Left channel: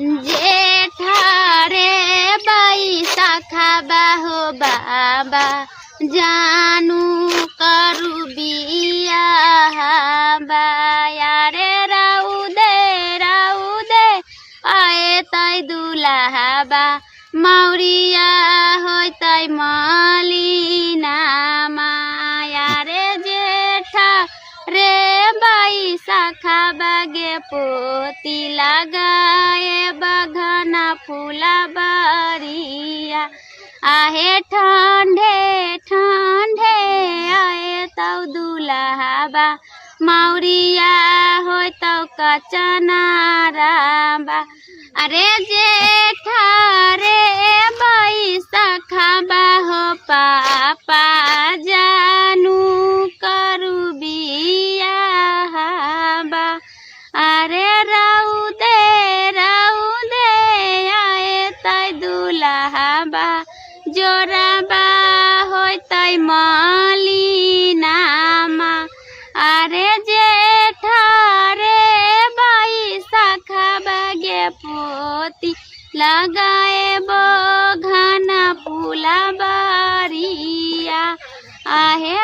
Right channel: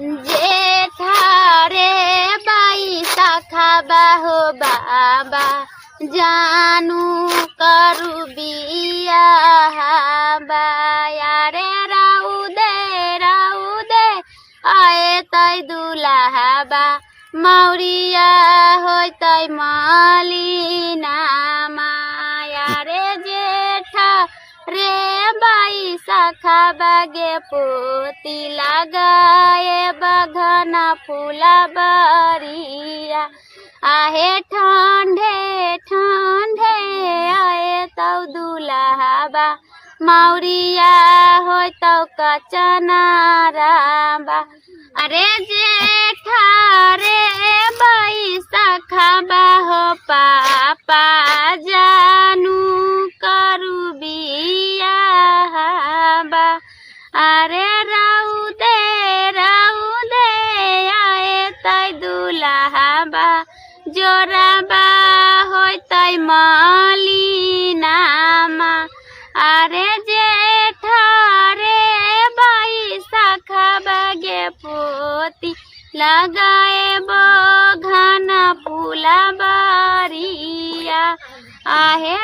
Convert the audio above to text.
जेठारे बैसा खाबा हो बाबा जानू करू बिया बायारे राउ दे आए तै दुलाबा मौरिया होय तै मलिना मायारे जेठा रे बैसा खाबागे पोती लगाए बघना फूला बरिया आहे ठंडे ठंडे आए तौ दुलाबा मौरिया होय तौ कचनाराबा अरे जेठा रे बैसा खाबा हो पापा जानू करू बिया बा अरे राउ दे आए तै दुलाबा जोराबा होय तै मलिनामा अरे जेठा रे बैसा खाबागे पोती लगाए बघना फूला बारिया आहे